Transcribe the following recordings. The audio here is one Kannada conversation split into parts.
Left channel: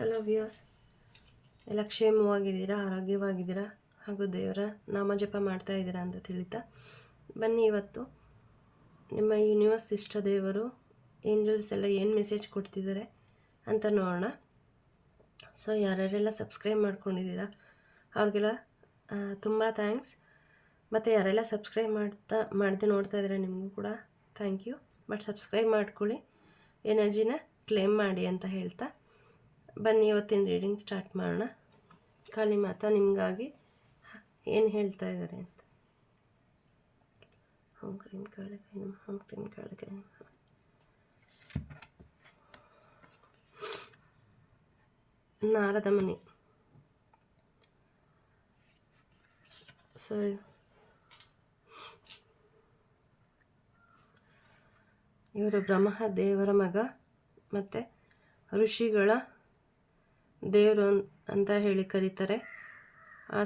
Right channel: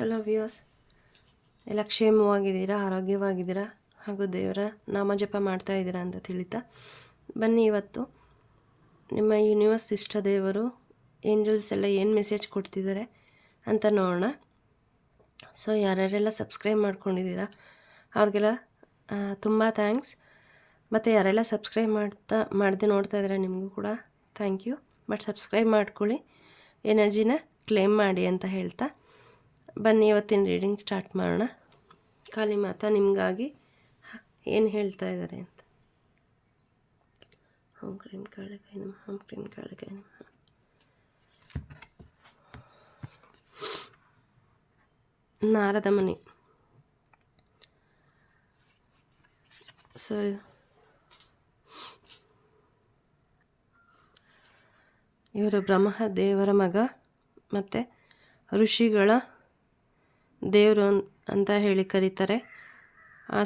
ಹಲೋ ವ್ಯೂಯರ್ಸ್, ಎಲ್ಲ ಕ್ಷೇಮವಾಗಿದ್ದೀರಾ, ಆರೋಗ್ಯವಾಗಿದ್ದೀರಾ ಹಾಗೂ ದೇವರ ನಾಮಜಪ ಮಾಡ್ತಾ ಇದ್ದೀರಾ ಅಂತ ತಿಳಿತಾ ಬನ್ನಿ. ಇವತ್ತು ನಿಮ್ಮ ಯೂನಿವರ್ಸ್ ಇಷ್ಟ ದೇವರು ಏಂಜಲ್ಸ್ ಎಲ್ಲ ಏನು ಮೆಸೇಜ್ ಕೊಡ್ತಿದ್ದಾರೆ ಅಂತ ನೋಡೋಣ. ಸೊ ಯಾರ್ಯಾರೆಲ್ಲ ಸಬ್ಸ್ಕ್ರೈಬ್ ಮಾಡ್ಕೊಂಡಿದ್ದೀರಾ ಅವ್ರಿಗೆಲ್ಲ ತುಂಬ ಥ್ಯಾಂಕ್ಸ್. ಮತ್ತು ಯಾರೆಲ್ಲ ಸಬ್ಸ್ಕ್ರೈಬ್ ಮಾಡದೆ ನೋಡ್ತಾ ಇದ್ದೀರಾ ನಿಮಗೂ ಕೂಡ ಥ್ಯಾಂಕ್ ಯು. ಬಟ್ ಸಬ್ಸ್ಕ್ರೈಬ್ ಮಾಡ್ಕೊಳ್ಳಿ, ಎನರ್ಜಿನ ಕ್ಲೇಮ್ ಮಾಡಿ ಅಂತ ಹೇಳ್ತಾ ಬನ್ನಿ ಇವತ್ತಿನ ರೀಡಿಂಗ್ ಸ್ಟಾರ್ಟ್ ಮಾಡೋಣ. ಕಾಳಿ ಮಾತಾ ನಿಮಗಾಗಿ ಏನು ಹೇಳ್ತಾ ಇದ್ದಾರೆ ಅಂತ. ಓಂ ಕ್ರೀಂ ಕಾಳಿಕಾಯ ನಮಃ, ಓಂ ಕ್ರೀಂ ಕಾಳಿಕಾಯ ನಮಃ. ನಾರದ ಮುನಿ. ಸೊ ಇವರು ಬ್ರಹ್ಮ ದೇವರ ಮಗ ಮತ್ತು ಋಷಿಗಳ ದೇವರು ಅಂತ ಹೇಳಿ ಕರೀತಾರೆ.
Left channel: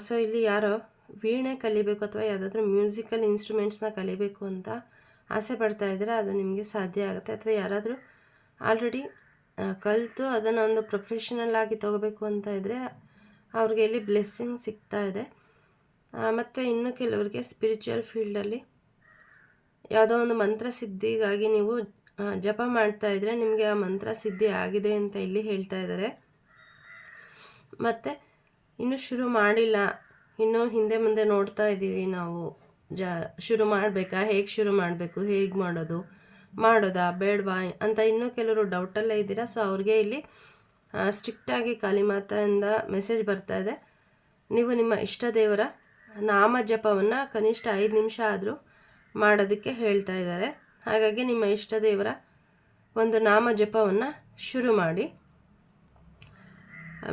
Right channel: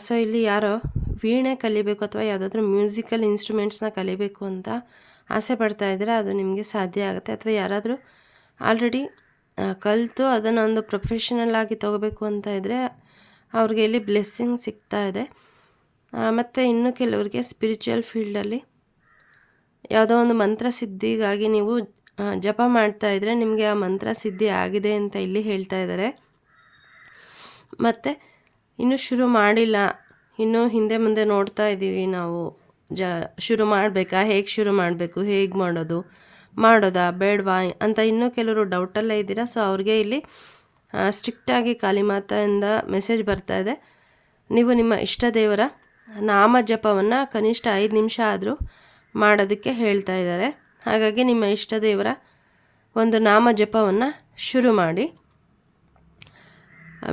ಸೊ ಇಲ್ಲಿ ಯಾರೋ ವೀಣೆ ಕಲಿಬೇಕು ಅಥವಾ ಯಾವುದಾದ್ರೂ ಮ್ಯೂಸಿಕಲ್ ಇನ್ಸ್ಟ್ರೂಮೆಂಟ್ಸ್ನ ಕಲಿಬೇಕು ಅಂತ ಆಸೆ ಪಡ್ತಾ ಇದ್ದರೆ ಅದು ನಿಮಗೆ ಸಾಧ್ಯ ಆಗುತ್ತೆ. ಅಥವಾ ಯಾರಾದರೂ ಆಲ್ರೆಡಿ ಕಲಿತು ಅದನ್ನು ಒಂದು ಪ್ರೊಫೆಷನಲ್ ಆಗಿ ತೊಗೋಬೇಕು ಅಂತ ಇದ್ದರೆ ಅವ್ರಿಗೆ ಇಲ್ಲಿ ಬ್ಲೆಸ್ಸಿಂಗ್ ಸಿಗ್ತಾ ಇದೆ. ಮತ್ತು ಇನ್ನು ಕೆಲವರಿಗೆ ಸ್ಪಿರಿಚುವಲ್ ಫೀಲ್ಡಲ್ಲಿ ಯಾವುದೋ ಒಂದು ಮಂತ್ರ ಸಿದ್ಧಿಗಾಗಿ ನೀವು ಜಪ ಮಾಡ್ತಾ ಇದ್ದರೆ ನಿಮಗೆ ಆ ಮಂತ್ರ ಸಿದ್ಧಿ ಆಗಿದೆ ಅಂತ ಇಲ್ಲಿ ಹೇಳ್ತಾ ಇದ್ದಾರೆ. ಮತ್ತು ಇನ್ನೂ ಶುರು ಮಾಡಿಲ್ಲ, ಇನ್ನೂ ಹಿಂದೆ ಮುಂದೆ ನೋಡ್ತಾ ಇದ್ದೀವಿ ನಾವು. ಶುರು ಮಾಡಬೇಕಾ, ಹೇಗೆ ಶುರು ಮಾಡಬೇಕು, ಹೇಗೆ ಮಾಡೋದಾ ಬೇಡವಾ ಅಂತ ಇನ್ನೂ ಕೆಲವರು ಡೌಟಲ್ಲೇ ಇದ್ದೀರಾ. ಸೊ ಅವ್ರಿಗೆ ಇಲ್ಲಿ ಸ್ಟ್ರಿಕ್ಟಾಗಿ ಕಾಳಿ ಮಾತೆಯಿಂದ ಮೆಸೇಜ್ ಬರ್ತಾ ಇದೆ. ನೀವು ನಿಮ್ಮ ಇಷ್ಟ ದೇವರ ನಾಮ ಜಪವನ್ನು ಕನಿಷ್ಠ 5 ನಿಮಿಷ ಆದರೂ ಮಾಡೋದಕ್ಕೆ ಹೇಳ್ತಾ ಇದ್ದಾರೆ. ಹಾಗಾಗಿ ನಿಮ್ಮ ಇಷ್ಟ ದೇವರ ಒಂದು ನಾಮ ಜಪವನ್ನು ಶುರು ಮಾಡಿ.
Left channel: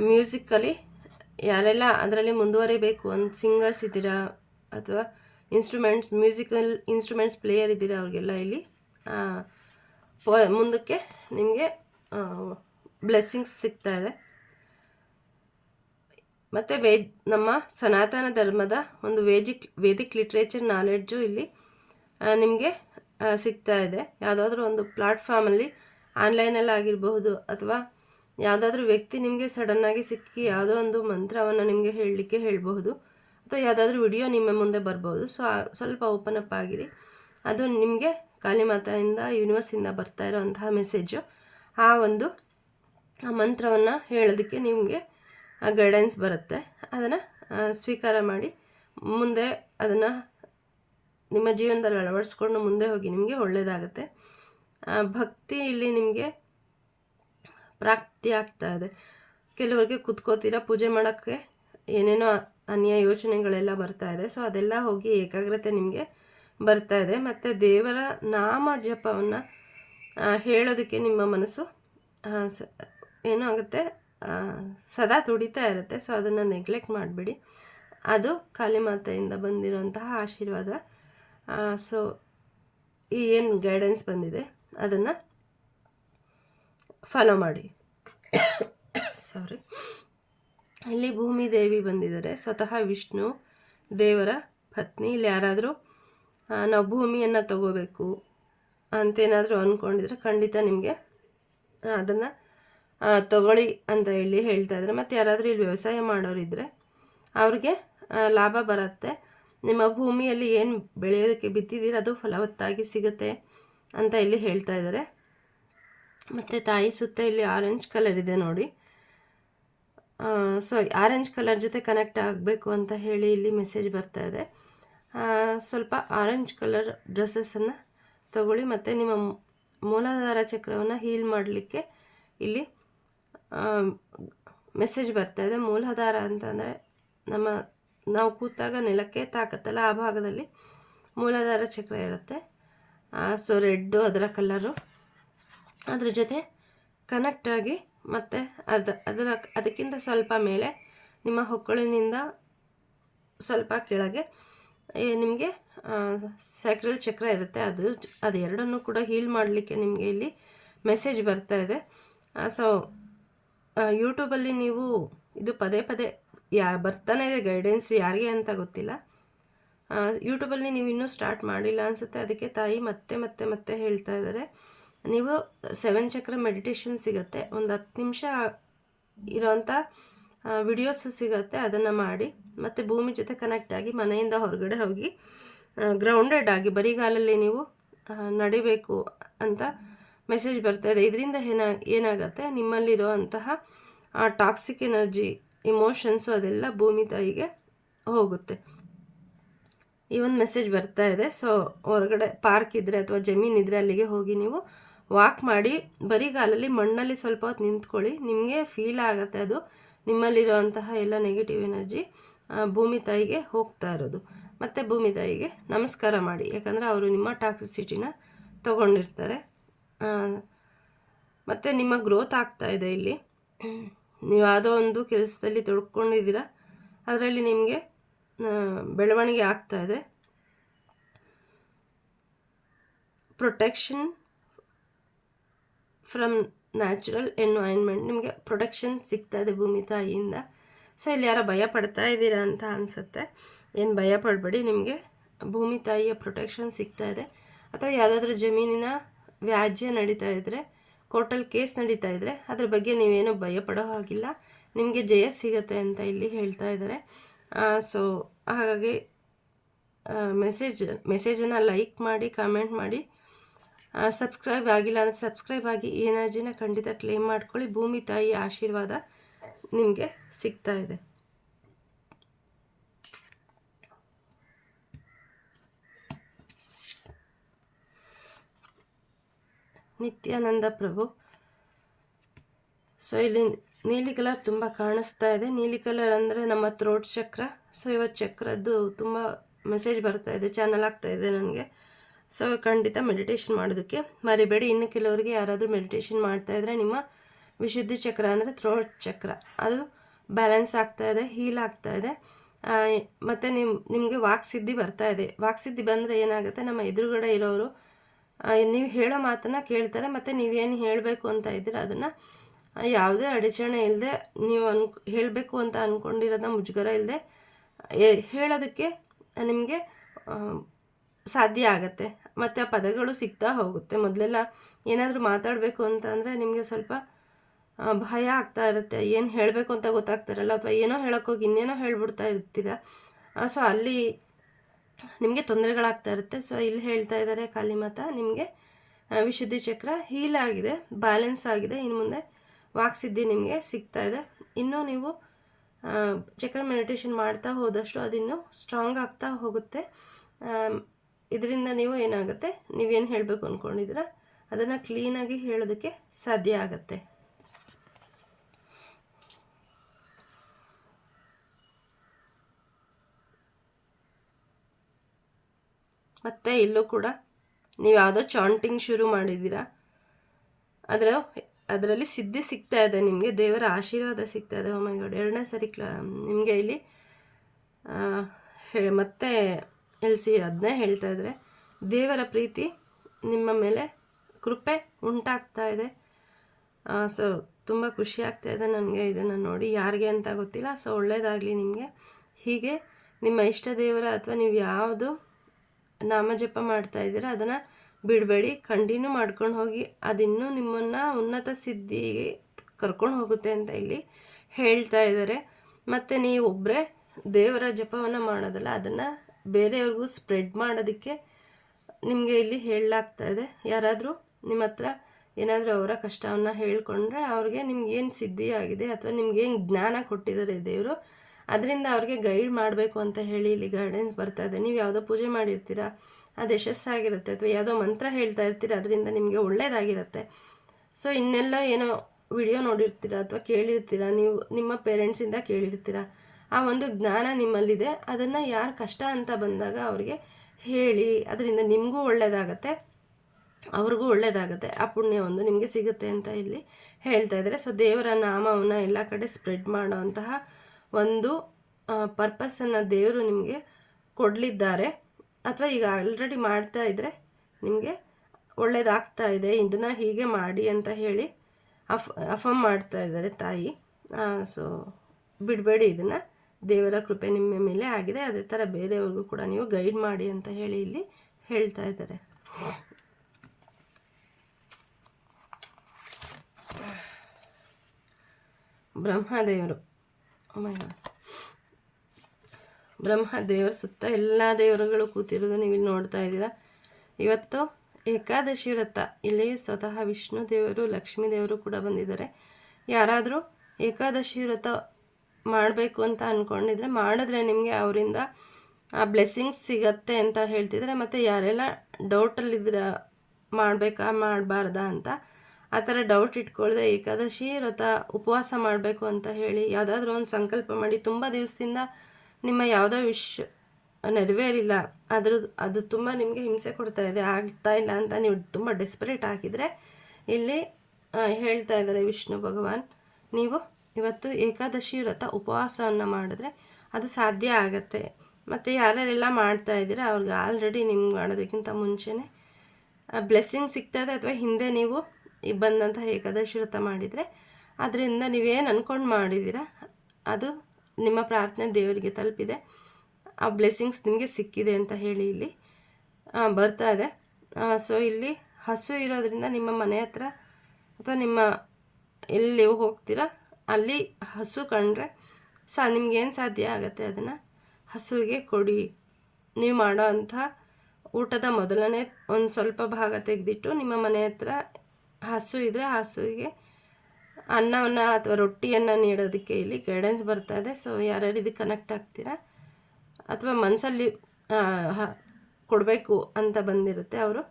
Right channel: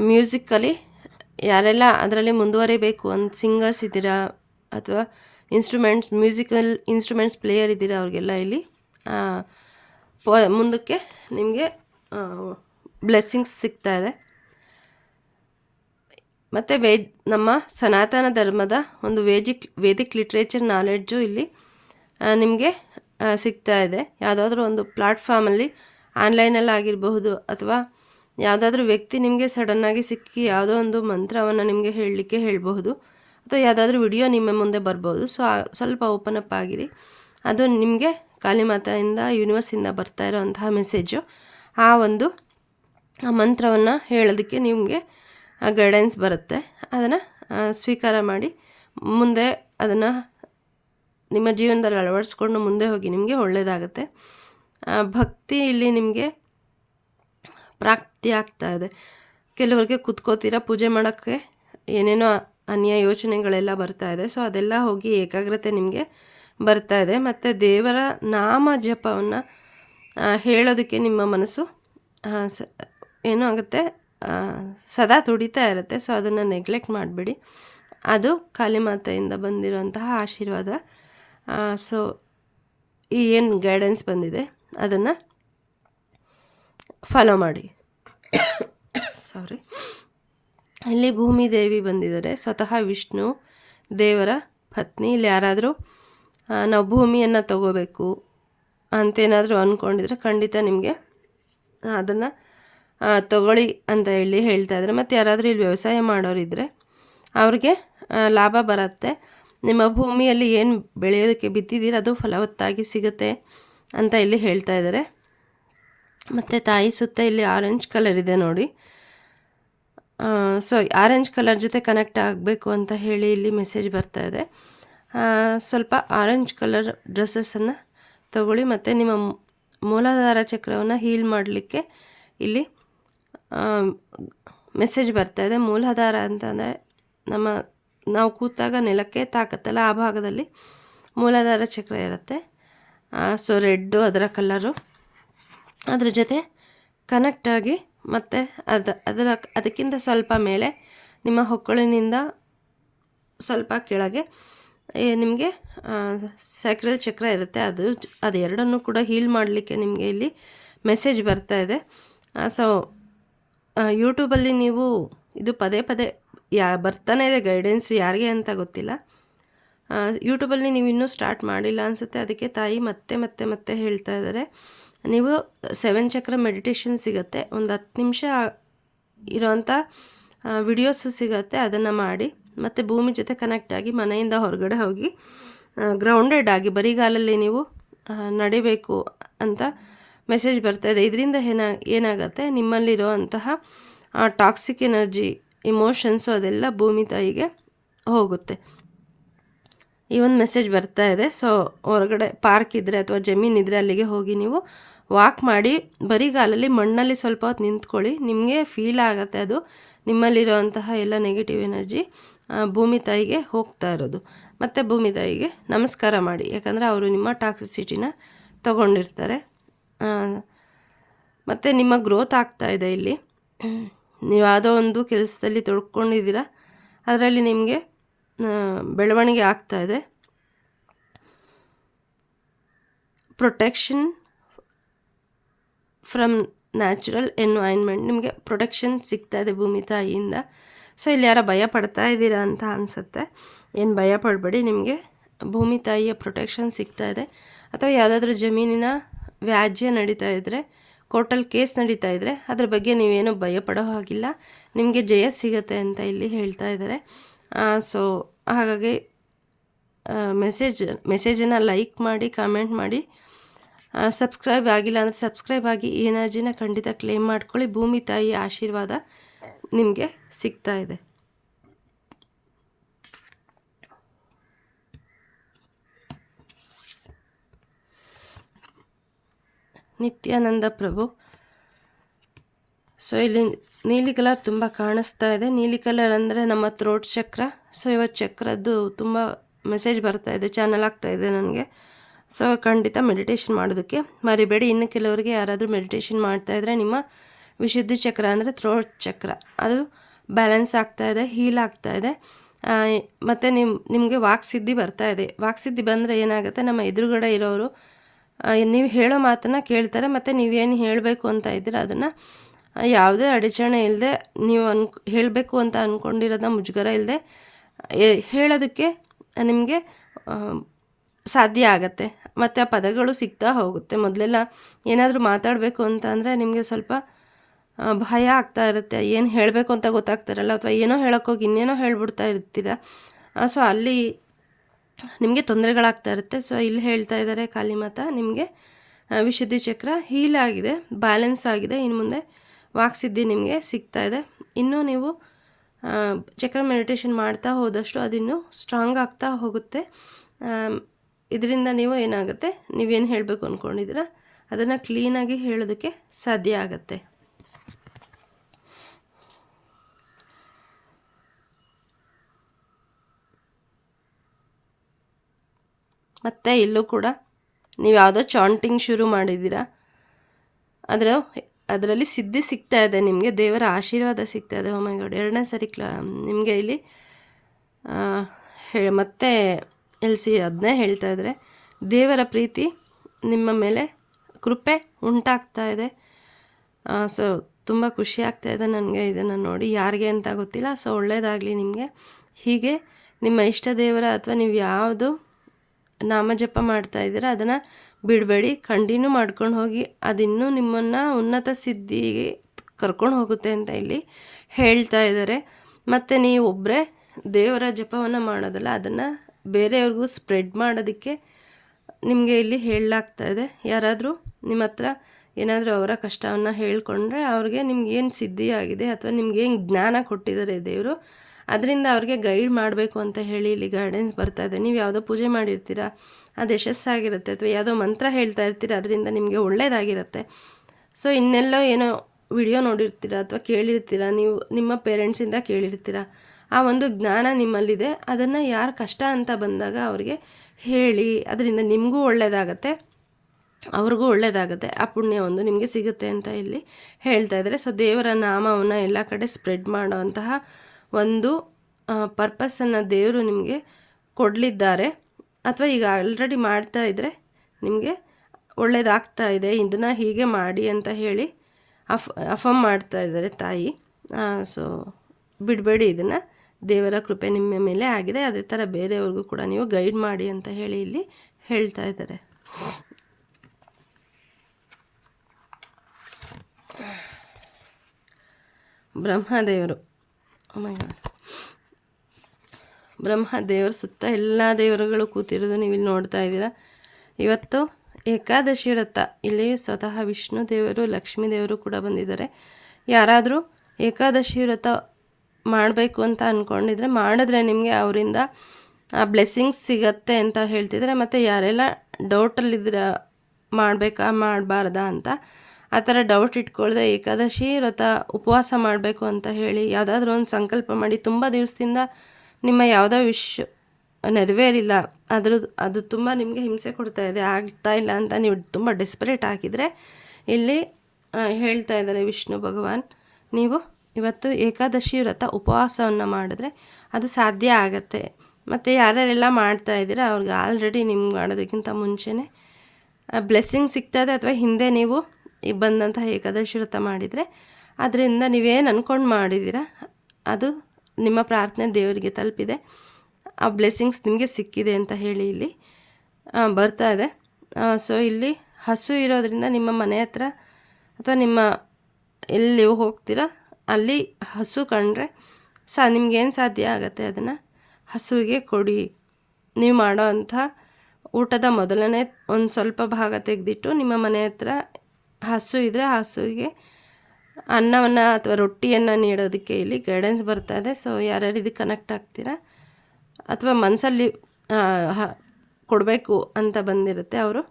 ಮ್ಯೂಸಿಕಲಿ ಯಾರೆಲ್ಲ ಅದರಲ್ಲಿ ಮುಂದುವರಿಬೇಕು ಅಂತ ಸಿಂಗರ್ಸ್ ಇದ್ದೀರಾ ಅಥವಾ ಮ್ಯೂಸಿಕಲ್ ಇನ್ಸ್ಟ್ರೂಮೆಂಟ್ಸ್ ಪ್ಲೇಯರ್ ಇದ್ದೀರಾ ಅವ್ರಿಗೆಲ್ಲ ಇಲ್ಲಿ ಮುಂದಕ್ಕೆ ನಿಮಗೆ ಬ್ಲೆಸ್ಸಿಂಗ್ಸ್ ಸಿಗ್ತಾ ಇದೆ. ಮತ್ತು ನಮ್ಮ ಸನಾತನ ಧರ್ಮದ ಒಂದು ವೇದಿಕ್ ಲಿಟ್ರೇಚರ್ ನಾಲೆಡ್ಜು ಇಲ್ಲಿ ನಿಮಗೆ ಸಿಗ್ತಾ ಇದೆ. ಯಾವುದಾದ್ರೂ ಒಂದು ಪ್ಲಾಟ್ಫಾರ್ಮಲ್ಲಿ ಆನ್ಲೈನಲ್ಲಿ ಆಗಿರಬಹುದು ಅಥವಾ ಯಾವುದಾದ್ರೂ ವ್ಯಕ್ತಿ ನಿಮಗೆ ಸಡನ್ನಾಗಿ ಸಿಕ್ಕಿ ಯಾವುದೋ ಒಂದು ಮಂತ್ರವನ್ನು ನಿಮಗೆ ಹೇಳಲಿಕ್ಕೆ ಹೇಳ್ಬಹುದು ಅಥವಾ ಯಾವುದಾದ್ರೂ ವಿಡಿಯೋ ನಿಮ್ಮ ಮುಂದೆ ಬರ್ಬೋದು. ಸೊ ಸ್ವಲ್ಪ ಓಪನ್ ಅಪ್ ಆಗಿರಿ. ಅದು ನಿಮಗೆ ಕಾಳಿ ಮಾತೆಯಿಂದ ಯೂನಿವರ್ಸಿಂದ ಬರ್ತಾ ಇರೋವಂತಹ ಮೆಸೇಜು. ಆ ಒಂದು ಮಂತ್ರವನ್ನು ಹೇಳೋದಕ್ಕೆ ನಿಮಗೆ ಗೈಡೆನ್ಸ್ ಬರುತ್ತೆ. ಅದನ್ನು ಸ್ವೀಕಾರ ಮಾಡಿ ಮುಂದೆ ಅದನ್ನು ನಿಮ್ಮ ಜೀವನದಲ್ಲಿ ಅಳವಡಿಸ್ಕೊಂಡು ಮುಂದೆ ಹೋಗಿ ನಿಮಗೆ ಒಳ್ಳೆಯದಾಗುತ್ತೆ. ಭಕ್ತಿ ಇಲ್ಲಿ ನಿಮಗೆ ಪ್ರಾಪ್ತಿ ಆಗ್ತಾ ಇದೆ. ಕೆಲವರಿಗೆ ಕೂತ್ಕೋತೀರಾ ಪೂಜೆ ಮಾಡೋಕ್ಕೆ ಏನೇನೋ ಅನ್ಯ ಯೋಚನೆಗಳೆಲ್ಲ ಬರ್ತಾ ಇದೆ. ಸೊ ಅದೆಲ್ಲ ಹೋಗಿ ಏಕಾಗ್ರತೆ ನಿಮಗೆ ಬರ್ತಾ ಇದೆ. ಮತ್ತು ದೇವರ ನಾಮ ಜಪವನ್ನು ಹೇಳೋದಕ್ಕೆ ನಿಮ್ಮ ಮನಸ್ಸು ಏನೋ ಆಗುತ್ತೆ, ಸದಾ ತುಡಿತಾ ಇರುತ್ತೆ. ಸೊ ಅದನ್ನು ನೆಗ್ಲೆಕ್ಟ್ ಮಾಡಬೇಡಿ. ಅದು ಕಾಳಿ ಮಾತೆಯಿಂದ ಬಂದಿರುವಂತಹ ಆಶೀರ್ವಾದ. ಸೊ ಈ ಏನು ಗೈಡೆನ್ಸ್ ಬಂದಿದೆ ಅದನ್ನು ಫಾಲೋ ಮಾಡಿ. ಸಾರಿ, ಇಲ್ಲಿ ಭೂಮಿ ದೇವಿ ಬಂದಿದ್ದಾರೆ, ಸ್ವತಃ ವಿಷ್ಣು ದೇವರ ಪತ್ನಿ. ಇಲ್ಲಿ ಯಾರಾದರೂ ನಾವು ಭೂಮಿಯನ್ನು ತಗೋಬೇಕು ಅಂತೇನಾದರೂ ಅಂದ್ಕೊಂಡಿದ್ರೆ ಖಂಡಿತ ನಿಮಗೆ ಅದನ್ನು ತಗೊಳ್ಳಿ ಅಂತ ಹೇಳಿ ಹೇಳ್ತಾ ಇದ್ದಾರೆ. ಮತ್ತು ಯಾರಾದರೂ ಇಲ್ಲಿ ವ್ಯವಸಾಯ ಮಾಡೋರಿದ್ದರೆ ಅವ್ರಿಗೆ ಲಾಭ ಬರುತ್ತೆ. ನಿಮ್ಮ ಭೂಮಿಯಲ್ಲಿ ಏನು ಬೆಳೆಯೋದಕ್ಕೆ ಬಿತ್ತಿದ್ದೀರ ಅದು ಫಲವತ್ತಾಗಿ ಸಿಗುತ್ತೆ ಅಂತ ಇಲ್ಲಿ ಹೇಳ್ತಾ ಇದ್ದಾರೆ. ಮತ್ತು ತಾಯಿ ಸುತ್ತ ಇಲ್ಲಿ ಆರೆಂಜ್ ಕಲರ್ ಇದೆ ನೋಡಿ. ಸೊ ಆರೆಂಜ್ ಕಲರ್ ಜೊತೆ ಕನೆಕ್ಟ್ ಆಗಬೇಕು ಅಂತ ಹೇಳಿ ಇಲ್ಲಿ ಮೆಸೇಜ್ ಬರ್ತಾ ಇದೆ. ಸ್ವಲ್ಪ ಆರೆಂಜ್ ಕಲರ್ ಡ್ರೆಸ್ಸನ್ನು ತಗೊಳ್ಳಿ. ಮತ್ತು ನಿಮ್ಮ ಮೂಲಾಧಾರ ಚಕ್ರವನ್ನು ಹೀಲ್ ಮಾಡಲಿಕ್ಕೆ ಇಲ್ಲಿ ಮೆಸೇಜ್ ಬರ್ತಾ ಇದೆ. ಮೂಲಾಧಾರ ಅಂತಂದರೆ ನಾವು ಕೂತಾಗ ನೆಲಕ್ಕೆ ತಾಕತ್ತಲ್ಲ, ಆ ಭಾಗದಲ್ಲಿ ಮೂಲಾಧಾರ ಚಕ್ರ ಇರುತ್ತೆ. ಸೊ ರೆಡ್ಡು ಅದರ ಕಲರು, ಅದ್ರ ಜೊತೆ ಕನೆಕ್ಟಾಗಿ ಮತ್ತು ಅದಕ್ಕಿಂತ ಸ್ವಲ್ಪ ಮೇಲೆ ನಿಮ್ಮ ಹೊಕ್ಕಳಿನಿಂದ ಸ್ವಲ್ಪ ಕೆಳಗೆ ನಿಮಗೆ ಸ್ಯಾಕ್ರಲ್ ಚಕ್ರ ಇರುತ್ತೆ. ಅದು ಎರಡನ್ನೂ ಕೂಡ ಹೀಲ್ ಮಾಡಲಿಕ್ಕೆ ನಿಮಗೆ ಇಲ್ಲಿ ಮೆಸೇಜ್ ಬರ್ತಾ ಇದೆ. ಸೊ ಯೂಟ್ಯೂಬಲ್ಲಿ ನೀವು ಇದು ಪದೇ ಪದೇ ಬರ್ತಾನೆ ಇದೆ ಗೈಡೆನ್ಸು, ಯಾರಿಗೆ ಅಂತ ಗೊತ್ತಿಲ್ಲ. ಯೂಟ್ಯೂಬಲ್ಲಿ ನೀವು ಇನ್ನೂ ಸ್ಟಾರ್ಟ್ ಮಾಡಿಲ್ಲ ಅನಿಸುತ್ತೆ. ಅದಕ್ಕೆ ತಾಯಿ ಮತ್ತೆ ಹೇಳ್ತಾ ಇದ್ದಾರೆ, ನೀವು 7 ಚಕ್ರ ಮೆಡಿಟೇಷನ್ ಸಿಗುತ್ತೆ. ಒಂದು 10 ನಿಮಿಷ ಇರೋವಂಥ ವಿಡಿಯೋಸು ಸಿಗುತ್ತೆ, ಅದನ್ನು ಮಾಡಿ. ಮತ್ತು ಭೂಮಿ ಜೊತೆ ಕನೆಕ್ಟ್ ಆಗಿ ಮನೆಯಿಂದ ಹೊರಗಡೆ ಹೋಗಿ ಗ್ರೌಂಡೆಡ್ ಆಗಿ ಬರಿಗಾಲಲ್ಲಿ ನೀವು ನಡಿಬೇಕು ಅಂತ ಮೆಸೇಜ್ ಬರ್ತಾಯಿದೆ. ಇದರಿಂದ ಏನಾಗುತ್ತೆ, ನಿಮ್ಮಲ್ಲಿರುವಂತಹ ಟಾಕ್ಸಿಕ್ ಎನರ್ಜಿ, ಇಮೋಷನ್ಸು ಅದೆಲ್ಲ ಭೂಮಿ ತಾಯಿಗೆ ಹೋಗುತ್ತೆ. ಈ ಒಂದು ಮೆಸೇಜ್ ಬರ್ತಾ ಇದೆ. ಸೊ ಹೊರಗಡೆ ಪಾರ್ಕ್ ಇದ್ದರೆ ಅಥವಾ ಜಮೀನಿದ್ರೆ ಅಲ್ಲಿಗೆ ಹೋಗಿ ನೀವು ವಾಕ್ ಮಾಡಿ ಬರಿಗಾಲಲ್ಲಿ ಮಣ್ಣಲ್ಲಿ ಸ್ವಲ್ಪ ಹೊತ್ತು ನಿಂತ್ಕೊಳ್ಳಿ. ನಿಮಗೆ ಫೀಲ್ ಆಗುತ್ತೆ ಅದು ನಿಮ್ಮಲ್ಲಿರೋವಂತಹ ಎಲ್ಲ ನೆಗೆಟಿವ್ ಎನರ್ಜಿ ಭೂಮಿ ತಾಯಿಗೆ ಹೋಗ್ತಾ ಇರೋದು. ಮತ್ತು ಭೂಮಿ ತಾಯಿಗೆ ನಮಸ್ಕಾರ ಮಾಡಿ, ಯಾಕಂದರೆ ಅವರು ನಿಮ್ಮ ಟಾಕ್ಸಿಸಿಟಿನ ತಗೊಂಡಿರ್ತಾರೆ. ಮತ್ತು ನಿಮ್ಮ ಗ್ರೋತ್ ಆಗ್ತಾಯಿದೆ. ಇಲ್ಲಿ ನೀವು ಯಾವುದೋ ಒಂದು ಕೆಲಸದಲ್ಲಿ ತೊಡ್ಕೊಂಡಿದ್ದೀರ, ಅದರಲ್ಲಿ ನಿಮಗೆ ಬೆಳವಣಿಗೆ ಆಗ್ತಾಯಿದೆ. ಪ್ರೊಟೆಕ್ಷನ್ ಫ್ರಮ್ ನ್ಯಾಚುರಲ್ ಎನ್ವೈರ್ನ್ಮೆಂಟ್, ನಿಮಗೆ ಪ್ರೊಟೆಕ್ಷನ್ ಸಿಗ್ತಾಯಿದೆ ಭೂಮಿ ತಾಯಿಯಿಂದ. ಸೊ ಇಲ್ಲಿ ಯಾರೋ ಭಯ ಪಡ್ತಾ ಇದ್ದೀರಾ ಅಂತ ಅನಿಸುತ್ತೆ. ಏನು ಭಯ ಪಡಬೇಡಿ, ನಿಮಗೆ ಭೂಮಿ ತಾಯಿಯ ಪ್ರೊಟೆಕ್ಷನ್ ಸಿಗ್ತಾಯಿದೆ. ಅಥವಾ ಯಾವುದಾದ್ರೂ ಜಮೀನಿನ ವ್ಯಾಜ್ಯ ನಡೀತಾ ಇದ್ದರೆ, ಕೋರ್ಟಲ್ಲಿ ಕೇಸ್ ನಡೀತಾ ಇದ್ದರೆ ಅದ್ರ ಬಗ್ಗೆ ನೀವೇನು ಭಯ ಪಡೋ ಹಾಗಿಲ್ಲ, ನಿಮಗೆ ಜಯ ಸಿಗುತ್ತೆ ಅಂತ ಇಲ್ಲಿ ಹೇಳ್ತಾ ಇದ್ದಾರೆ. ಸೊ ಹಾಗಾಗಿ ಮೆಸೇಜನ್ನು ಲೈಕ್ ಮಾಡಿ, ಕಾಮೆಂಟ್ ಮಾಡಿ. ಸಬ್ಸ್ಕ್ರೈಬ್ ಆಗಿಲ್ಲ ಅಂದರೆ ಸಬ್ಸ್ಕ್ರೈಬ್ ಆಗಿ ಈ ಎನರ್ಜಿನ ಖಂಡಿತ ಕ್ಲೇಮ್ ಮಾಡ್ಕೊಳ್ಳಿ. ಭೂಮಿ ತಾಯಿಯ ಆಶೀರ್ವಾದ ನಿಮಗೆ ಸಿಗ್ತಾ ಇದೆ. ನಿತ್ಯಾನಂದ ಪ್ರಭು. ಸೊ ಇಲ್ಲಿ ನೀಲಿ ಕಲರ್ ತುಂಬ ಕಾಣಿಸ್ತಾ ಇದೆ. ನೀಲಿ ಕಲರ್ ಅಂದರೆ ನಮ್ಮ ಥ್ರೋಟ್ ಚಕ್ರ. ಸೊ ಇವತ್ತು ಚಕ್ರದ್ದು ತುಂಬ ಮೆಸೇಜ್ ಬರ್ತಾ ಇದೆ, ಚಾನಲ್ ಆಗ್ತಾ ಇದೆ ನನಗೆ. ಸೊ ಖಂಡಿತ ಮೆಡಿಟೇಷನ್ ಮಾಡೋದಕ್ಕೆ ಮರಿಬೇಡಿ. ಇನ್ನು ಕೆಲವರಿಗೆ ಯಾರಾದರೂ ಮೆಡಿಟೇಷನ್ ಮಾಡ್ತಾಯಿದ್ರೆ ನಿಮ್ಮ ವಿಶುದ್ಧಿ ಚಕ್ರ ಅಂದರೆ ಥ್ರೋಟ್ ಚಕ್ರ ಅದು ಬ್ಯಾಲೆನ್ಸ್ ಆಗ್ತಾಯಿದೆ, ಹೀಲ್ ಆಗ್ತಾಯಿದೆ. ಮತ್ತು ನಿಮಗೆ ವಾಕ್ಸಿದ್ಧಿ ಬರ್ತಾಯಿದೆ. ವಾಕ್ಸಿದ್ಧಿ ಬಂದರೆ ಏನಾಗುತ್ತೆ, ನಮ್ಮ ಎದುರುಗಡೆ ಇರೋರು ನೀವು ಹೇಳೋ ಮಾತನ್ನು ಕೇಳ್ತಾರೆ. ಮತ್ತು ನೀವೇನು ಹೇಳಬೇಕು ಅಂತ ಇದ್ದೀರ ಅದನ್ನು ಯಾವುದೇ ಅಡಚಣೆ ಇಲ್ಲದೆ ನೀವು ಹೇಳಬೇಕು ಅಂತ ಅಂದ್ಕೊಂಡಿರೋದನ್ನ ಮುಜುಗರ ಇಲ್ಲದೆ ಹೇಳೋದಕ್ಕೆ ನಿಮಗೆ ಸಾಧ್ಯ ಆಗುತ್ತೆ. ಮತ್ತು ಆ ಪದಗಳು ಸಿಗ್ತಾ ಹೋಗುತ್ತೆ. ಮೊದಲೆಲ್ಲ ಏನಾದರೂ ಮಾತಾಡಬೇಕು ಅಂತ ಅಂದರೆ ನಿಮಗೆ ಸ್ವಲ್ಪ ಭಯ ಆಗ್ತಾ ಇರುತ್ತೆ, ಏನು ಹೇಳಬೇಕು ಅಂತ ಗೊತ್ತಾಗ್ತಾರಲ್ಲ, ಅಥವಾ ಏನೋ ಹೇಳೋಕ್ಕೋಗಿ ಇನ್ನೇನೋ ಹೇಳ್ಬಿಡ್ತಾ ಇರ್ತೀರ. ಸೊ ಅಲ್ಲಿ ನಿಮಗೆ ತೊಂದರೆಗಳಾಗ್ತಾ ಇರುತ್ತೆ. ಸೊ ಇಲ್ಲಿ ಹೇಳ್ತಾ ಇದ್ದಾರೆ ಕಾಳಿಮಾತಾ, ನಿಮಗೆ ವಿಶುದ್ಧಿ ಚಕ್ರ ಹೀಲ್ ಆಗಿದೆ, ಬ್ಯಾಲೆನ್ಸ್ ಆಗಿದೆ. ಇನ್ನು ಮುಂದೆ ವಾಕ್ಸಿದ್ಧಿ ನಿಮಗೆ ಸಿಗ್ತಾ ಇದೆ. ಇನ್ನೂ ನೀವು ಚಕ್ರ ಮೆಡಿಟೇಷನ್ ಮಾಡ್ತಾ ಹೋದಷ್ಟು ಅದಿನ್ನೂ ಸ್ಟ್ರಾಂಗ್ ಆಗ್ತಾ ಹೋಗುತ್ತೆ. ಇದರಿಂದ ನೀವು ಏನಾಗುತ್ತೆ, ನೀವೇನು ಹೇಳಬೇಕು ಅಂದ್ಕೊಂಡಿದ್ದೀರ ಅದನ್ನು ಕ್ಲೀನಾಗಿ ಹೇಳೋದಕ್ಕೆ ಸಾಧ್ಯ ಆಗುತ್ತೆ. ಮತ್ತು ಇಲ್ಲೂ ಕೂಡ ನೀವು ಯಾವುದೋ ಚಾಂಟಿಂಗ್ ಶುರು ಮಾಡಿದ್ದೀರಾ, ಅದರಲ್ಲಿ ಸಿದ್ಧಿ ಸಿಗ್ತಾ ಇದೆ, ನಿಮಗೆ ದೇವರ ಆಶೀರ್ವಾದ ಸಿಗ್ತಾ ಇದೆ. ಓ ಮೈ ಗಾಡ್, ಎರಡನೇ ಸರಿ ನಿಮಗೆ ಇಲ್ಲಿ ಮತ್ತೆ ಅದನ್ನೇ ಹೇಳ್ತಾ ಇದ್ದಾರೆ, ದೇವರ ಪ್ರೀತಿ ನಿಮ್ಮ ಮೇಲೆ ಕೃಪೆ ಉಂಟಾಗ್ತಾ ಇದೆ. ಸೊ ತುಂಬ ಖುಷಿ ಆಗ್ತಾ ಇದೆ ನನಗೆ ಇದನ್ನು ನೋಡಿ, ಯಾರಿಗೆ ಅಂತ ಗೊತ್ತಿಲ್ಲ. ಸೊ ಒಳ್ಳೆಯದಾಗಲಿ ನಿಮಗೆ. ಹೀಗೆ ನಿಮ್ಮ ಇಷ್ಟ ದೇವರ ಅಥವಾ ನೀವು ಯಾವುದು ನಾಮಜಪ ಮಾಡ್ತಾ ಇದ್ದೀರಾ ಅದನ್ನು ಬಿಡಬೇಡಿ, ಕಂಟಿನ್ಯೂ ಮಾಡ್ಕೊಂಡು ಹೋಗಿ. ಅದಿನ್ನೂ ನಿಮ್ಮನ್ನು ಉನ್ನತ ಸಿದ್ಧಿಗೆ ಕರ್ಕೊಂಡು ಹೋಗುತ್ತೆ ಅಂತ ಇಲ್ಲಿ ಹೇಳ್ತಾ ಇದ್ದಾರೆ. ಮತ್ತು ನೀವು ಒಬ್ಬರೇ ದೇವರ ಜಪವನ್ನು ಮಾಡೋದಲ್ಲ, ಅದನ್ನು ಬೇರೆಯವ್ರಿಗೂ ಸ್ಪ್ರೆಡ್ ಮಾಡೋದಕ್ಕೆ ನಿಮಗೆ ಇಲ್ಲಿ ಹೇಳಲಾಗ್ತಾ ಇದೆ. ಯಾರಾದರೂ ನಿಮ್ಮ ಹತ್ರ ಏನಾದರೂ ಅವರ ಕಷ್ಟವನ್ನು ಹೇಳ್ಕೊಂಡ್ರೆ ಅವ್ರಿಗೆ ನಿಮ್ಗೆ ಏನು ಸಿದ್ಧಿ ಆಗಿದೆ ಅಥವಾ ನಿಮ್ಗೆ ಏನು ಜ್ಞಾನ ಕೊಟ್ಟಿದ್ದಾರೆ ದೇವರು, ಅದರಿಂದ ಅವ್ರಿಗೆ ಗೈಡ್ ಮಾಡಬೇಕು ಅಂತ ಹೇಳಿ ಇಲ್ಲಿ ಗೈಡೆನ್ಸ್ ಬರ್ತಾ ಇದೆ. ನೀವು ಯಾವುದೋ ಪೂಜೆ ಮಾಡಿರ್ತೀರ, ಅದು ಯಶಸ್ಸಾಗಿರುತ್ತೆ, ಅಥವಾ ಯಾವುದೋ ಮಂತ್ರ ಹೇಳ್ತಾ ಇರ್ತೀರ, ಅದರಿಂದ ನಿಮಗೆ ಒಳ್ಳೆಯದಾಗಿರುತ್ತೆ. ಸೊ ಇನ್ನೆಲ್ಲೋ ಏನೋ ವಿಡಿಯೋ ನೋಡಿರ್ತೀರ ಅಥವಾ ಕೇಳಿರ್ತೀರ, ನೀವು ನಿಮ್ಮ ಪೇರೆಂಟ್ಸಿಂದ ಕೇಳಿರ್ತೀರ, ಆ ಒಂದು ಜ್ಞಾನ ನಿಮ್ಮಲ್ಲಿದೆ. ಅದನ್ನು ಯಾರು ಕಷ್ಟ ಅಂತ ಬಂದಾಗ ಅವರಿಗೆ ಹೇಳಿ, ಅದರಿಂದ ನಿಮಗೂ ಒಳ್ಳೆಯದಾಗತ್ತೆ, ಅವ್ರಿಗೂ ಒಳ್ಳೆಯದಾಗುತ್ತೆ, ಆ ಪುಣ್ಯ ಒಂದು ನಿಮಗೆ ಸಿಗುತ್ತೆ ಅಂತ ಇಲ್ಲಿ ಹೇಳ್ತಾ ಇದ್ದಾರೆ. ಸೊ ದೇವರ ನಾಮವನ್ನು ಎಲ್ಲ ಕಡೆ ಸ್ಪ್ರೆಡ್ ಮಾಡೋವಂತಹ ಒಂದು ಪರ್ಪಸನ್ನು ದೇವರು ನಿಮಗೆ ಕೊಡಲಿದ್ದಾರೆ. ಅಥವಾ ಈಗ ಆಲ್ರೆಡಿ ಮಾಡ್ತಾ ಇದ್ದರೆ ನಿಮಗೆ ಒಳ್ಳೆಯದಾಗ್ತಾ ಇದೆ, ಇದನ್ನು ಹೀಗೆ ಮಾಡಿ ಅಂತ ಹೇಳಿ ಅಫರ್ಮ್ ಮಾಡ್ತಾ ಇದ್ದಾರೆ ತಾಯಿ. ಸೊ ಬಿಡಬೇಡಿ, ಇದನ್ನು ದೇವರ ಕೃಪೆ ನಿಮ್ಮ ಮೇಲೆ ಆಗಿದೆ, ಅದೇ ಥರ ಬೇರೆಯವ್ರಿಗೂ ಕೂಡ ನೀವು ಗೈಡ್ ಮಾಡಿ ಅಂತ ಹೇಳಿ ಇಲ್ಲಿ ಹೇಳ್ತಾ ಇದ್ದಾರೆ. ಬ್ರಹ್ಮದೇವರು, ಬ್ರಹ್ಮದೇವರ ಸುತ್ತ ಎಲ್ಲ ದೇವರುಗಳು ಕೂತಿರೋದು ನೀವಿಲ್ಲಿ ನೋಡ್ತಾ ಇದ್ದೀರಾ. ಇವತ್ತು ಏಕಾದಶಿ ವ್ರತ. ಇಲ್ಲಿ ಸ್ವತಃ ವಿಷ್ಣು ದೇವರು, ಲಕ್ಷ್ಮೀ ದೇವರು ಕೂಡ ಬಂದಿದ್ದಾರೆ. ಯಾರಾದರೂ ಏಕಾದಶಿ ವ್ರತ ಮಾಡಬೇಕು ಅಂತ ಅಂದ್ಕೊಂಡಿದ್ರೆ ಮಾಡಿದ್ರೆ ನಿಮಗೆ ಅವರಿಂದ ಬ್ಲೆಸ್ಸಿಂಗ್ಸ್ ಸಿಗತ್ತೆ ಅಂತ ಹೇಳ್ತಿದ್ದಾರೆ. ಮತ್ತು ಯಾರೆಲ್ಲ ಡೌಟಲ್ಲಿದ್ದೀರ ಮಾಡಬೇಕಾ ಮಾಡಬಾರ್ದಾ ಅಂತ, ಆ ಥರ ಡೌಟ್ ಇಟ್ಕೊಳ್ದೆ ಏಕಾದಶಿ ವ್ರತ ಉಪವಾಸ ಮಾಡಬೇಕು ಅಂತ ಹೇಳಿ ಯಾವುದಾದ್ರೂ ಒಂದು ಸಂಕಲ್ಪ ಮಾಡಿ. ತುಂಬ ದಿವಸದಿಂದ ನಿಮ್ಮ ಯಾವುದೋ ನೆರವೇರಿಲ್ಲ, ಅದು ತುಂಬ ನಿಮಗೆ ಹಿಂಸೆ ಕೊಡ್ತಾ ಇದೆ, ಆಗ್ತಾ ಇಲ್ಲ ಅಂತ ನೀವು ತುಂಬ ಡೆಸ್ಪರೇಟ್ ಆಗಿದ್ದರೆ ಇಲ್ಲಿ ಹೇಳ್ತಾ ಇದ್ದಾರೆ ವಿಷ್ಣು ಭಗವಾನ್, ನೀವು ಇವತ್ತು ಏಕಾದಶಿ ವ್ರತ ಉಪವಾಸವನ್ನು ಮಾಡಿದ್ರೆ ಅದು ಸಾಧ್ಯ ಆಗತ್ತೆ. ಮತ್ತು ಯಾರ್ಯಾರೆಲ್ಲ ಮಾಡ್ತಾ ಇದ್ದೀರಾ ಅವ್ರಿಗೆ ಆಲ್ರೆಡಿ ನಿಮ್ಗೆ ಮಾಡೋದಕ್ಕಿಂತ ಮುಂಚೆನೇ ಬ್ಲೆಸ್ಸಿಂಗ್ ಸಿಗ್ತದೆ. ಅಥವಾ ಹಿಂದೆ ನೀವು ಈಗ ಬಂದಂತಹ ಏಕಾದಶಿ ವ್ರತ ಮಾಡಿದರೆ ಅದರಿಂದ ನೀವೇನು ಅಂದ್ಕೊಂಡು ಮಾಡಿದ್ದೀರಾ ಅದು ನಿಮ್ಮ ಪ್ರಾರ್ಥನೆ ದೇವರಿಗೆ ತಲುಪಿದೆ, ಆ ಬ್ಲೆಸ್ಸಿಂಗ್ಸ್ ನಿಮಗೆ ಸಿಕ್ಕಿದೆ ಅಂತ ಹೇಳಿ ಇಲ್ಲಿ ಬರ್ತಾ ಇದೆ. ಸೊ ಇಲ್ಲಿ ಹಸು ಇರೋದ್ರಿಂದ ನಿಮ್ಮ ಮನೆ ಹತ್ರ ಅಥವಾ ನಿಮ್ಮ ಎಲ್ಲಿ ನೀವು ಹೋಗ್ತೀರಾ ಅಲ್ಲಿ ಹಸು ಕಂಡ್ರೆ ನಿಮಗೇನು ಸಾಧ್ಯ ಆಗುತ್ತೆ ಅದನ್ನು ಹಸುವಿಗೆ ಕೊಡಿ. ನೀವು ಮಾಡೋ ಅಂಥ ಊಟದ ಮೊದಲನೇ ಒಂದು ಸ್ವಲ್ಪ ಭಾಗ ತೆಗೆದಿಟ್ಟು ನಿಮ್ಮ ಮನೆ ಹತ್ರ ಹಸು ಇದ್ದರೆ ಹಸುವಿಗೆ ಅನ್ನವನ್ನು ಅಥವಾ ರೊಟ್ಟಿಯನ್ನು ನೀಡೋದಕ್ಕೆ ಇಲ್ಲಿ ಗೈಡೆನ್ಸ್ ಬರ್ತಾ ಇದೆ. ಸೊ ಯಾರ್ಯಾರು ಇದಕ್ಕೆ ಕನೆಕ್ಟ್ ಆಗ್ತೀರಾ ಅಥವಾ ಮನಸ್ಸಲ್ಲಿ ಕೊಡಬೇಕು ಅಂತ ಬಂದಿರುತ್ತೆ ಅವರು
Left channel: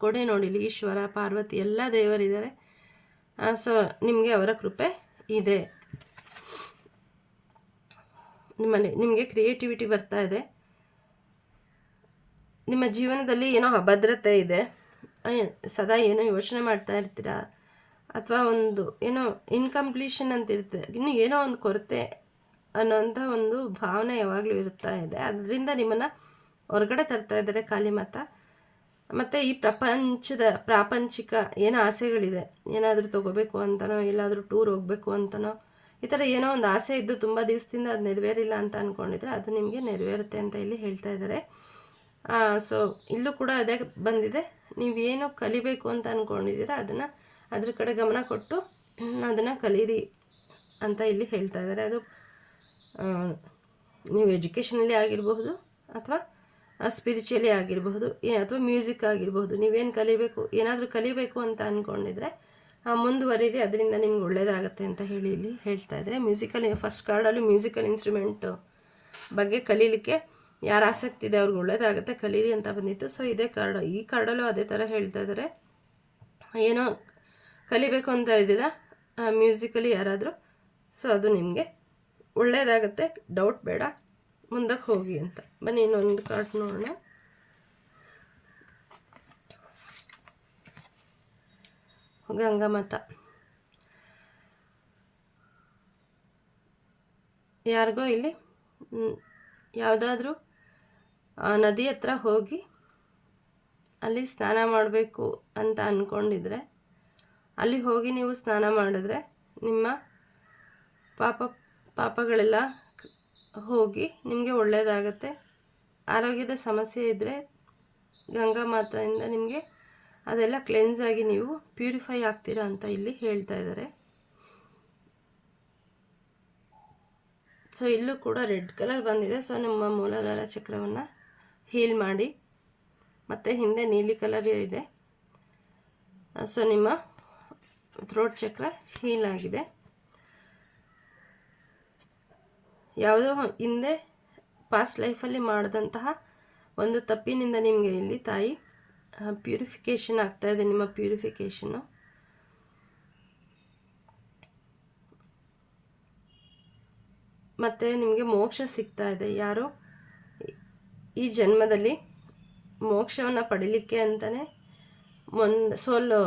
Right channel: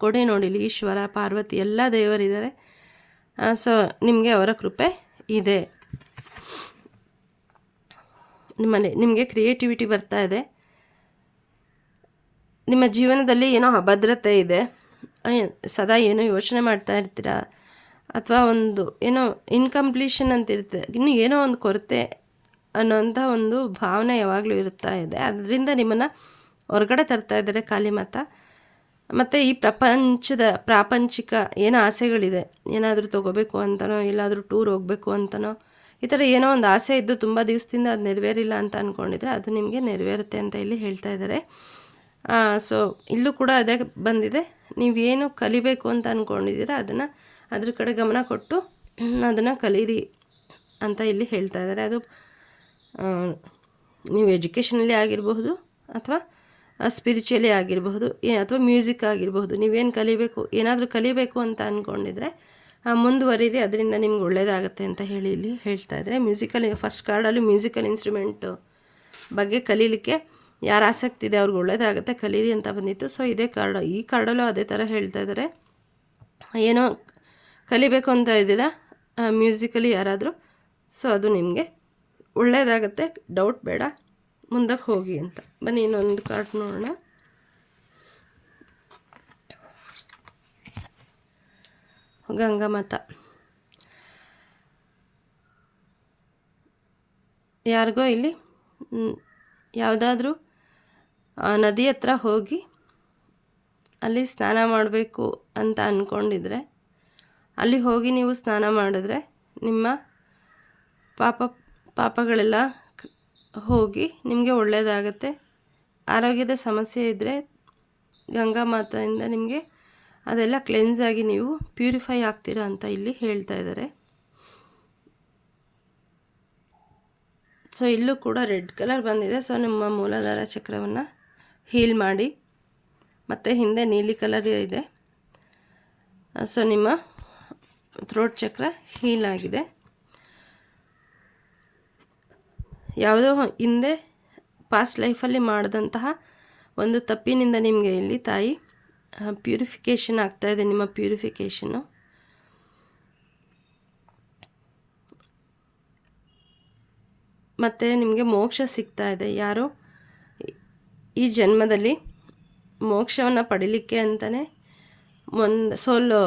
ಕೊಡಿ. ನೋಡಿ ಇಲ್ಲಿ ಈಶ್ವರ, ಪಾರ್ವತಿ ಎಲ್ಲ ದೇವರಿದ್ದಾರೆ. ಸೊ ನಿಮಗೆ ಅವರ ಕೃಪೆ ಇದೆ. ನಿಮಗೆ ಕ್ರಿಯೇಟಿವಿಟಿ ಬರ್ತಾ ಇದೆ. ನಿಮ್ಮ ಜೀವನದಲ್ಲಿ ಏನೋ ಅಭದ್ರತೆ ಇದೆ, ಸದಾ ಏನೋ ಯೋಚನೆ ಮಾಡ್ತಾ ಇರ್ತೀರಾ, ಅಥವಾ ಒಂದು ಏನೋ ಇನ್ಕಂಪ್ಲೀಷನ್ ಅಂತ ಇರುತ್ತೆ, ಇನ್ನು ಏನೋ ಒಂದು ಕೊರತೆ ಅನ್ನೋಂಥ ಒಂದು ಭಾವನೆ ಯಾವಾಗಲೂ ಇರ್ತಾ ಇದೆ. ಅದರಿಂದ ನಿಮ್ಮನ್ನು ಹೊರಗಡೆ ತರ್ತಾ ಇದ್ದಾರೆ ಕಾಳಿಮಾತ. ಮತ್ತು ಈ ಪ್ರಾಪಂಚಿಕ ಏನೋ ಆಸೆಗಳಿದೆ, ಏನಾದರೂ ತೊಗೋಬೇಕು ಅಂತನೋ, ಎಲ್ಲಾದರೂ ಟೂರ್ ಹೋಗಬೇಕು ಅಂತನೋ, ಈ ಥರ ಏನೋ ಒಂದು ಆಸೆ ಇದ್ದು ತುಂಬ ದಿವಸದಿಂದ ಅದು ನೆರವೇರಿಲ್ಲ ಅಂತ ಅಂದ್ಕೊಂಡಿದ್ರೆ ಅದು ನಿಮಗೆ ನೆರವೇರುತ್ತೆ ಅಂತ ಇಲ್ಲಿ ಹೇಳ್ತಾ ಇದ್ದಾರೆ. ಸೊ ಇಲ್ಲೂ ಕೂಡ ಅದೇ ಬಂದಿದೆ. ನೀವೇನು ಕಲಿಬೇಕು ಅಂತ ಅಂದ್ಕೊಂಡಿದ್ದೀರಾ ಅದನ್ನು ಅದ್ರ ಕಡೆ ಗಮನ ಕೊಟ್ಟು ಅದನ್ನು ಕಲೀರಿ ಅಂತ ಇಲ್ಲಿ ಹೇಳ್ತಾ ಇದ್ದಾರೆ. ಅದು ನೀವು ಎಜುಕೇಷನಲ್ಲಿ ಆಗಿರಬಹುದು ಅಥವಾ ಸ್ಪಿರಿಚುವಲಿ ಆಗಿರಬಹುದು ಅಥವಾ ಮ್ಯೂಸಿಕ್ ಆಗಿರಬಹುದು. ನೀವೇನು ಏನಾದರೂ ಕಲಿಬೇಕು ಅಂತ ಅಂದ್ಕೊಂಡಿದ್ರೆ ಮುಂದುವರಿರಿ, ಅದರಿಂದ ನಿಮ್ಗೆ ಒಳ್ಳೆಯದಾಗತ್ತೆ ಅಂತ ಹೇಳಿ ಇಲ್ಲಿ ಹೇಳ್ತಾ ಇದ್ದಾರೆ. ಫಸ್ಟ್ ಕಾರ್ಡಲ್ಲಿ ಮ್ಯೂಸಿಕಲ್ ಇನ್ಸ್ಟ್ರೂಮೆಂಟು ಬಗ್ಗೆ ಕಲೀಲಿಕ್ಕೆ ಯಾರು ಆಸಕ್ತಿ ಇದೆ ಅವ್ರಿಗೆ ಒಳ್ಳೆಯದಾಗುತ್ತೆ, ಕಲೀರಿ ಅಂತ ಬಂದಿತ್ತು. ಸೊ ಇದೇ ಈ ಕಾರ್ಡಲ್ಲೂ ಅದೇ ಥರ ಹೇಳ್ತಾ ಇದ್ದಾರೆ. ಏನೋ ಕಲಿಬೇಕು ಅಂತ ಇದ್ದೀರಾ ಮ್ಯೂಸಿಕಲಿ ಯಾರಾದರೂ, ಸೊ ಅದು ನಿಮಗೆ ಒಳ್ಳೆಯದಾಗತ್ತೆ, ಡೌಟ್ ಬೇಡ, ಮುಂದಕ್ಕೆ ಹೋಗಿ ಅಂತ. ಬನ್ನಿ ಇನ್ನೊಂದು ಕಾರ್ಡ್ ನೋಡೋಣ. ಗಂಗಾಮಾತ. ಯಾರಿಗೋ ಇಲ್ಲಿ ಯಾವುದಾದ್ರೂ ನದಿ ಹತ್ರ ಹೋಗಿ ಅಲ್ಲಿ ಸ್ನಾನ ಮಾಡಬೇಕು ಅಂತ ಅಂದ್ಕೊಂಡಿದ್ರೆ ಅಲ್ಲಿ ಹೋಗಿ ನೀವು ಸ್ನಾನ ಮಾಡಿದ್ರೆ ನಿಮ್ಮ ಪಾಪಗಳೆಲ್ಲ ಹೋಗಿ ನಿಮಗೆ ಒಳ್ಳೆಯದಾಗತ್ತೆ. ಆರೋಗ್ಯದ ಸಮಸ್ಯೆ ಇದ್ದರೆ ಗಂಗಾ ಮಾತೆಯಿಂದ ನಿಮಗೆ ಅದೆಲ್ಲ ಕ್ಲೆನ್ಸ್ ಆಗಿ ನೀವು ಪ್ಯೂರಿಫೈ ಆಗ್ತೀರಾ ಅಂತ ಇಲ್ಲಿ ಹೇಳ್ತಾ ಇದ್ದಾರೆ. ಸೊ ಇಲ್ಲೂ ಕೂಡ ರೆಡ್ ಕಲರ್ ಬಂದಿದೆ. ಸೊ ನಮ್ಮ ಮೂಲಾಧಾರ ಚಕ್ರವನ್ನು ಹೀಲ್ ಮಾಡಿ, ಮತ್ತು ಹಿಂದೆ ನೀಲಿ ಕಲರ್ ಇದೆ. ಸೊ ನಿಮ್ಮ ಥ್ರೋಟ್ ಚಕ್ರ ಹೀಲ್ ಆಗಿದೆ. ಯಾವುದೋ ಹಿಂದೆ ಪಾಸ್ಟ್ ಲೈಫಲ್ಲಿ ಮಾಡಿದಂತಹ ಒಂದು ತಪ್ಪಿನಿಂದ ನಿಮಗೆ ಇಲ್ಲಿ ತಾಯಿ ಪ್ಯೂರಿಫಿಕೇಷನ್ ಆಗ್ತಾಯಿದೆ. ನಿಮ್ಮ ಪ್ಯೂರಿಫಿಕೇಷನ್ನು ಮತ್ತು ನಿಮಗೆ ಮೋಕ್ಷ ಸಿಗ್ತಾ ಇದೆ. ಯಾರೋ ಈ ಜನ್ಮದಲ್ಲಿ ಮೋಕ್ಷವನ್ನು ಪಡೀಲಿಕ್ಕೆ ಅಂತಲೇ ಒಂದು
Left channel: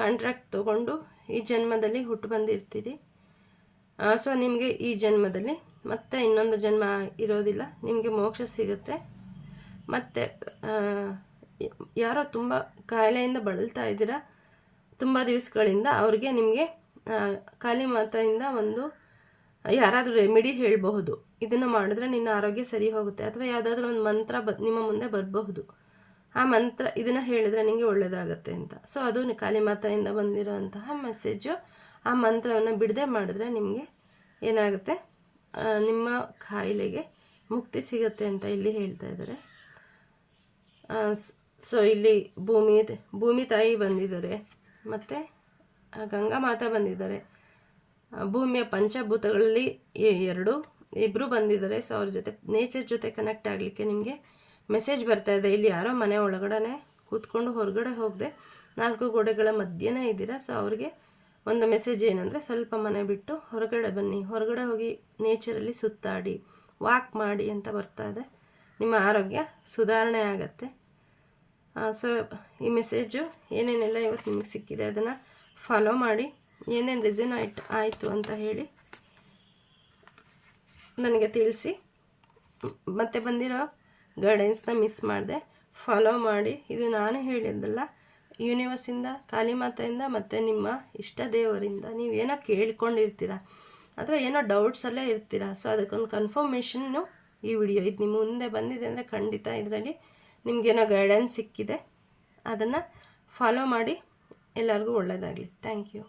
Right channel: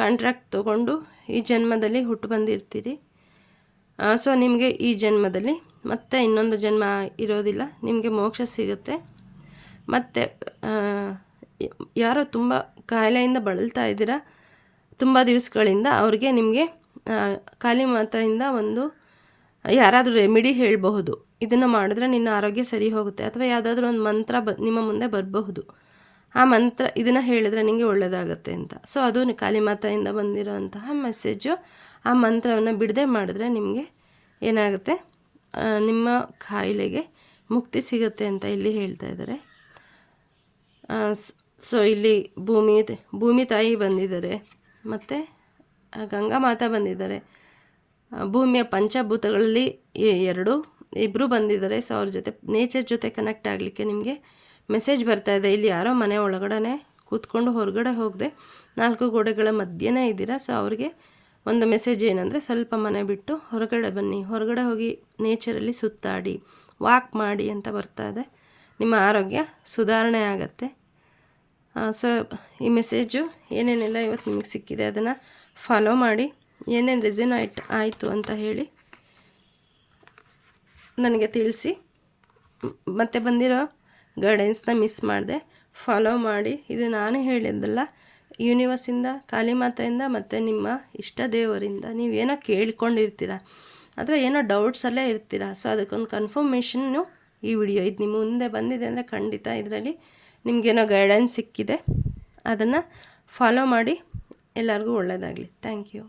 ಕಾಂಟ್ರಾಕ್ಟ್ ತೊಗೊಂಡು ಈ ಜನ್ಮದಲ್ಲಿ ಹುಟ್ಟು ಬಂದಿರ್ತೀರಿ. ಸೊ ನಿಮಗೆ ಈ ಜನ್ಮದಲ್ಲಿ ಮತ್ತೆ ಇನ್ನೊಂದು ಜನ್ಮ ಇರೋದಿಲ್ಲ, ನಿಮಗೆ ಮೋಕ್ಷ ಸಿಗುತ್ತೆ. ಮತ್ತು ಯಾರೋ ತುಂಬ ಕಾಯಿಲೆಯಿಂದ ಬಳಲ್ತಾ ಇದ್ದೀರಾ ತುಂಬ ದಿವಸಗಳಿಂದ, ಅವ್ರಿಗೆ ನಿಮಗೆ ಕಾಳಿ ಮಾತೆಯಿಂದ ಒಂದು ಯಾರಾದರೂ ರೆಮಿಡಿ ಹೇಳಬಹುದು, ಇದನ್ನು ಮಾಡಿದ್ರೆ ನಿನ್ನ ಆರೋಗ್ಯ ಸರಿ ಹೋಗುತ್ತೆ, ಅಥವಾ ಯಾವುದಾದ್ರೂ ಒಂದು ಮಂತ್ರ ನಿಮ್ಮ ಮುಂದೆ ಬರಬಹುದು, ಆ ಮಂತ್ರ ಇದನ್ನು ಹೇಳಿದ್ರೆ ನಿಮಗೆ ಒಳ್ಳೆಯದಾಗತ್ತೆ ಅಂತ. ಸೊ ಅದು ಕಾಳಿ ಮಾತೆಯಿಂದ ಬಂದಿರೋಂತಹ ಮೆಸೇಜು. ಆ ಮಂತ್ರವನ್ನು ಬಿಡದೆ ಮಾಡಿದ್ರೆ ನಿಮಗೆ ಏನಾಗುತ್ತೆ, ನಿಮ್ಮ ಕಾಯಿಲೆಗೆ ಮುಕ್ತಿ ಸಿಗುತ್ತೆ ಅಂತ ಇಲ್ಲಿ ಹೇಳ್ತಾ ಇದ್ದಾರೆ. ಸೊ ಇಲ್ಲಿ ಭೂಮಿ ತಾಯಿ ಬಂದಿದ್ದಾರೆ, ಮತ್ತು ಗಂಗಾ ಮಾತಾ ಬಂದಿದ್ದಾರೆ. ಭೂಮಿಯ ಪಂಚಭೂತಗಳಲ್ಲಿ ಇಬ್ಬರು ಬಂದಿದ್ದಾರೆ. ಸೊ ಅವ್ರ ಜೊತೆ ನೇಚರ್ ಜೊತೆ ಕನೆಕ್ಟ್ ಆಗಲಿಕ್ಕೆ ನಿಮಗೆ ಮೆಸೇಜ್ ಬರ್ತಾ ಇದೆ. ಇಲ್ಲಿ ಯಾರೋ ಮನೆ ಒಳಗಡೆ ಕೂತ್ಕೊಂಡು ಹೊರಗಡೆ ಹೋಗದೆ 4 ಗೋಡೆಗಳ ಮಧ್ಯೆನೇ ಇದ್ದೀರಾ. ಸೊ ಅವ್ರಿಗೆ ಒಂದು ಮೆಸೇಜ್ ಏನಂದರೆ, ಸ್ವಲ್ಪ ಮನೆ ಬಿಟ್ಟು ಹೊರಗಡೆ ಬನ್ನಿ, ಹೊರಗಡೆ ಹೋಗಿ ನೇಚರಲ್ಲಿ ಸುತ್ತಾಡಿ, ವಾಕ್ ಮಾಡಿ ಅಂತ ಬರ್ತಾ ಇದೆ. ನಿಮ್ಮ ಆರೋಗ್ಯ ಸುಧಾರಣೆ ಆಗುತ್ತೆ. ಸೊ ಈ ಮೆಸೇಜು ಏನೇನೆಲ್ಲ ಇವತ್ತು ನಿಮಗೆ ಸಿಕ್ಕಿದೆ ಅದನ್ನು ಫಾಲೋ ಮಾಡಿ, ಏನೇನು ರೆಸೊನೇಟ್ ಆಯಿತು ಅಂತ ಹೇಳಿ ನನಗೆ ತಿಳಿಸಿ. ಮತ್ತೆ ಬಂದಿರೋ ಗೈಡೆನ್ಸ್ನ ಮಿಸ್ ಮಾಡಿದೆ, ಫಾಲೋ ಮಾಡಿ. ಇದು ನಾನು ಹೇಳಿದ್ದಲ್ಲ, ಯೂನಿವರ್ಸಿಂದ, ಕಾಳಿಮಾತೆಯಿಂದ ಮತ್ತು ನಿಮ್ಮ ಇಷ್ಟ ದೇವರಿಂದ ನೀವೇನೋ ಕೇಳ್ಕೊಂಡಿರ್ತೀರ ಅಥವಾ ಏನೋ ಡೌಟ್ಸಲ್ಲೇ ಇರ್ತೀರ. ಸೊ ಅದಕ್ಕೊಂದು ಕನ್ಫರ್ಮೇಷನ್ನು ಈ ವಿಡಿಯೋ. ಇದು ನಿಮ್ಮ ಮುಂದೆ ಬಂದಿದೆ ಅಂದರೆ ಖಂಡಿತ ಇದರಲ್ಲಿ ನಿಮಗೇನೋ ಗೈಡೆನ್ಸ್ ಸಿಕ್ಕಿದೆ. ಅದನ್ನು ಫಾಲೋ ಮಾಡಿ. ಎಲ್ಲರಿಗೂ ಒಳ್ಳೆಯದಾಗಲಿ. Thank you.